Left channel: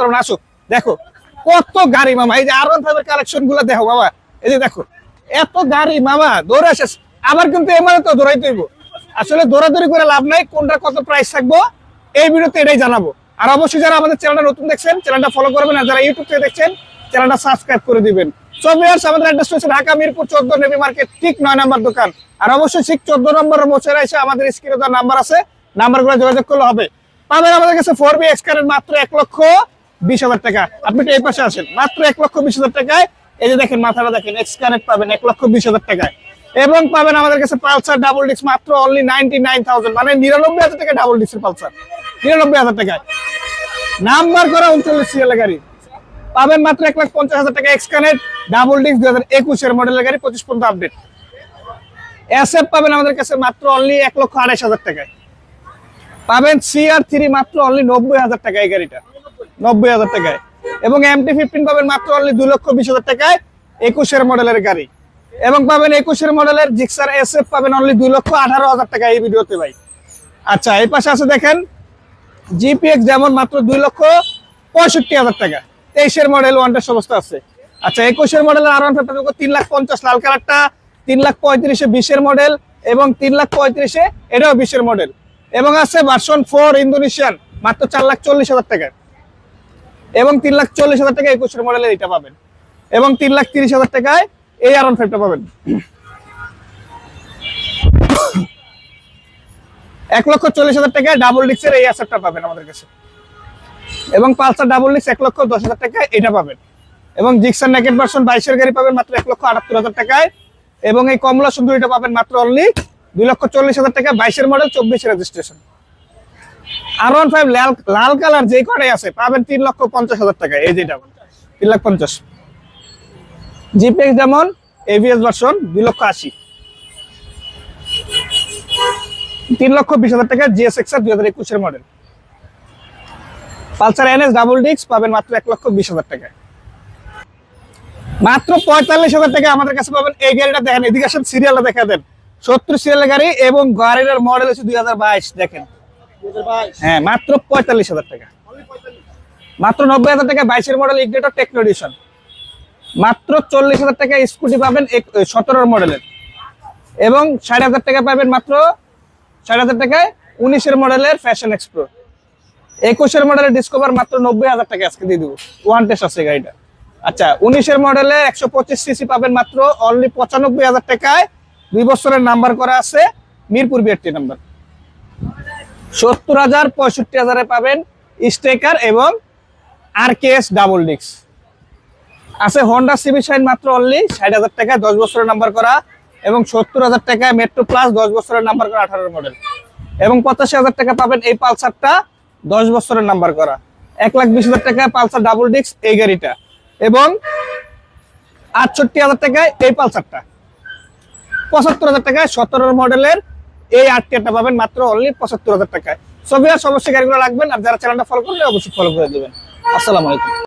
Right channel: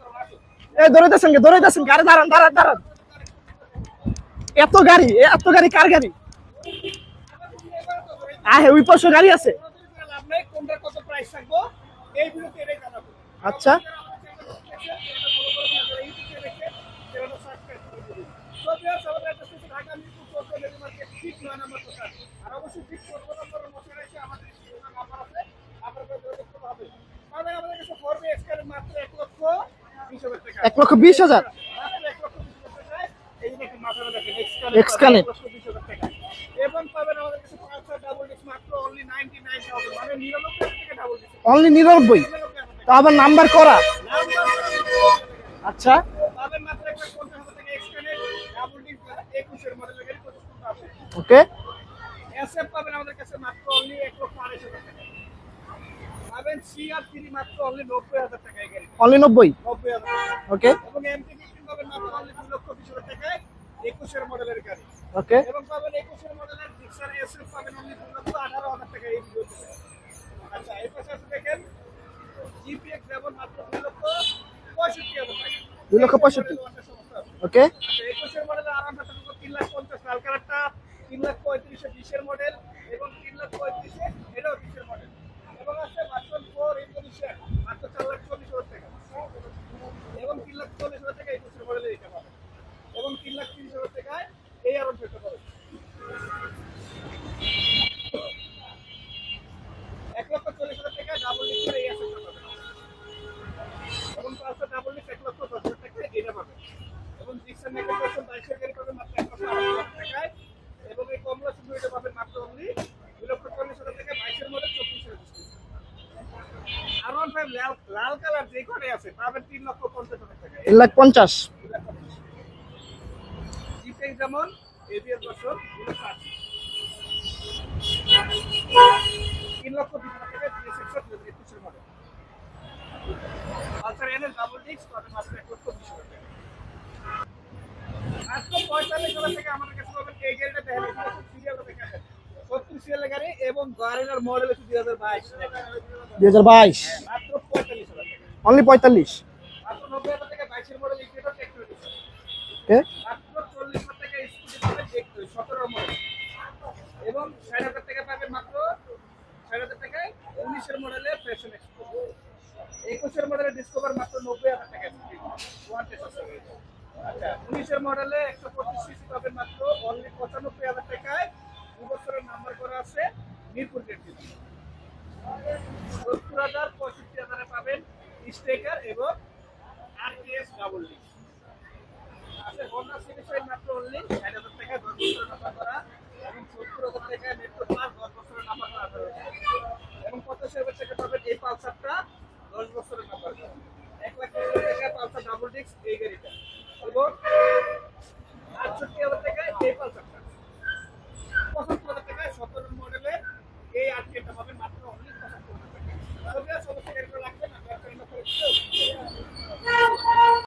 তোমরা আসো দেখো। কে গাড়ি মামা এই যে আরন ফাইভের কালেকশনগুলো দেখো বাবা। এই যে এত গাড়ি এত গাড়ি গাড়ি। মামা দৌড়ে আসে। আবার কিন্তু এমারে তো দৌড়াইতে হবে। ওই পাশে গাড়ি আসলে দৌড়াদৌড়ি করে লাভ নাই কোনটা কত প্রাইস থাকব এই ভিডিওতে এটাই জানাব। আর অবশ্যই যারা আমাদের চ্যানেলটা নতুন দেখছেন চ্যানেলটা ফলো করবেন আর যারা ইউটিউব থেকে দেখছেন চ্যানেলটা সাবস্ক্রাইব করে দিবেন। সো ভিউয়ার্স আমাদের অ্যাড্রেস হচ্ছে ঢাকা মিরপুর 14 নেভি মার্কেট ঠিক 9 নাম্বার দোকান। আর অবশ্যই ঠিক 14 নম্বর মোচেরা এসে আমাদের স্ক্রিনে দেওয়া নাম্বার আছে। নাম্বারগুলো যোগাযোগ করলে হবে। পাবেন আমাদের কাছে 4B এক্স কারের মাত্র 1 লক্ষ 20 হাজার টাকা। এক লক্ষ বিশ হাজার? আসেন। মাত্র 1 লক্ষ 20 হাজার টাকায়। এই যে দেখেন মাথাটা দেখেন পাবেন। 1 লক্ষ 20 হাজার টাকায়। এবং পাবেন আমাদের কাছে পালসার ডাবল ডিস্ক মাত্র অনলি 99000 মানে 99000 টাকা ডাবল ডিস্কের অনলি পালসার নিরানব্বই? 99000 টাকা আবার নাম্বার করা? নাম্বার করা 39 সিরিয়ালের গাড়ি। আচ্ছা। পাবেন মাত্র 1 লাখ 50 হাজার টাকা এক্স কানেক্ট ডাবল ডিস্ক 2021 এর মডেলের গাড়ি 25 পর্যন্ত আপডেট ওকে এসএফ পাবেন আমাদের কাছে মাত্র অনলি এক লক্ষ আড়াইশ হাজার টাকায়। পাবেন সিআর থ্রি মাত্র অনলি 90 হাজার টাকা এই গাড়িটা। অনলি নব্বই? 90 হাজার টাকায়। ওকে এবং এমটি ফিফটিন পাবেন মাত্র অনলি দুই লক্ষ বিশ হাজার টাকায় একুশের মডেলের গাড়ি। ওকে এবং পাবেন একুশের মডেলের জিক্সার এস এফ পাবেন অনলি দুই লক্ষ আঠারো হাজার টাকা এই ভিডিওতে ভাই। আচ্ছা এই পাশে আছে দেখেন জিপিএক্স যেমন মাত্র দুই লক্ষ পঁয়ষট্টি হাজার টাকা। তেইশের মডেল ওয়ানটার সমস্ত আছে। ওকে আচ্ছা একুশের মডেলের আর ওয়ান ফাইভ তিন লাখ পঞ্চাশ লাল কালারটা তিন লাখ পঁয়ত্রিশে বিশের মডেল এবং তিন লাখ পঁয়ত্রিশে এটাও বিশের মডেল। এবং আছে ভার্সন ফোর ইন্দোনেশিয়ান মাত্র চার লাখ চল্লিশ হাজার টাকা এবং তিন লাখ চল্লিশ হাজার টাকা একুশের মডেলের এটা পাবেন। এবং তিন লাখ তিরিশ হাজার টাকায় এই আর ওয়ান ফাইভটা পাবেন। এক লক্ষ চল্লিশ হাজার টাকায় ডাবল ডিক্সের এই অ্যাসেটটা পাবেন আমাদের কাছে। এবং পালসার ডাবল ডিক্স এক লক্ষ দশ হাজার টাকায় এটা পাবেন। এবং জিক্সার নেকেট ভার্সন বাইশের গাড়ি পাবেন মাত্র এক লক্ষ আটাত্তর হাজার টাকায়। এবং এই কমলা সুন্দরীটা পাবেন মাত্র অনলি দুই লক্ষ চল্লিশ হাজার টাকা বাইশের মডেল চব্বিশ রেজিস্ট্রেশন আর ওয়ান ফাইভ লাল লাল কালার যে কটাই আছে পাবেন তিন লক্ষ পঞ্চাশ হাজার টাকা এই তিন লাখ পঞ্চাশ। তিন লাখ পঞ্চাশ। জিপিএক্স যেমন এভিএস ভার্সন দুই লক্ষ আশি। তিন লক্ষ বিশ হাজার টাকা জিএস এক্স আর দুই হাজার একুশের মডেল পালসার এনএস ডাবল ডিক্স পাবেন মাত্র এক লক্ষ বিশ হাজার টাকা। মাত্র পঁয়তাল্লিশ হাজার টাকা আমাদের কাছে পাবেন এই গাড়িটা দেখেন এদিকে আসেন সিরিয়ালটা দেখা দেন। সত্তর সিরিয়ালের গাড়ি এবং গাড়ির মডেল হচ্ছে দুই হাজার বাইশ দেখেন। দুই হাজার বাইশ? হ্যাঁ মাত্র পঁয়তাল্লিশ হাজার টাকা। অনলি পঁয়তাল্লিশ? মাত্র নব্বই হাজার টাকা বাইশের মডেল ইগনেটর টেকনো এডিশন মাত্র চল্লিশ হাজার টাকা স্কুটি পাবেন সতেরোর মডেলের এবং ষাট হাজার টাকা পাবেন মাত্র ষাট হাজার টাকায় উনিশের মডেলের ফ্যাশন এক্সপ্রো একুশের মডেলের ডিসকভার মাত্র নব্বই হাজার টাকা আজকে দিয়ে দেবো। ওয়ান টেস্ট আছে গাড়িটা। আচ্ছা উনিশের মডেলে একশো পঁচিশ সিসি পাবেন মাত্র অনলি পঁচানব্বই হাজার টাকায় দুই বছরের নাম্বার করা আছে, মিরপুর বিআরটি নাম্বার। সত্তর হাজার পঁয়ষট্টি হাজারে পাবেন স্টেকার এবং আর কে এস ডাবল ডিক্স আছে হন্ডা সিভি সাইন মাত্র অনলি ষাট হাজার টাকায় দশ বছরের নাম্বার করা এবং সত্তর হাজার টাকায় মেট্রো প্লাস দশ বছরের নাম্বার করা আঠারো মডেল এবং পঁচাশি হাজার টাকা পাবেন এই পালসারটা, দশ বছরের নাম্বার করা। এক লাখ বিশ হাজার টাকায় পালসার ডাবল ডিক্স এই গাড়িটা। এবং আটষট্টি হাজার টাকায় এই পালসারটা। পঁচাত্তর হাজার টাকায় সতেরো মডেলের এই আটটিটা পাবেন মাত্র অনলি পঁচাত্তর হাজার টাকায়। সব সমস্যা গাড়িগুলো রাখবেন, আর যারা চ্যানেলটা ফলো করলে অবশ্যই ফলো করে দেবেন। আসসালামু আলাইকুম।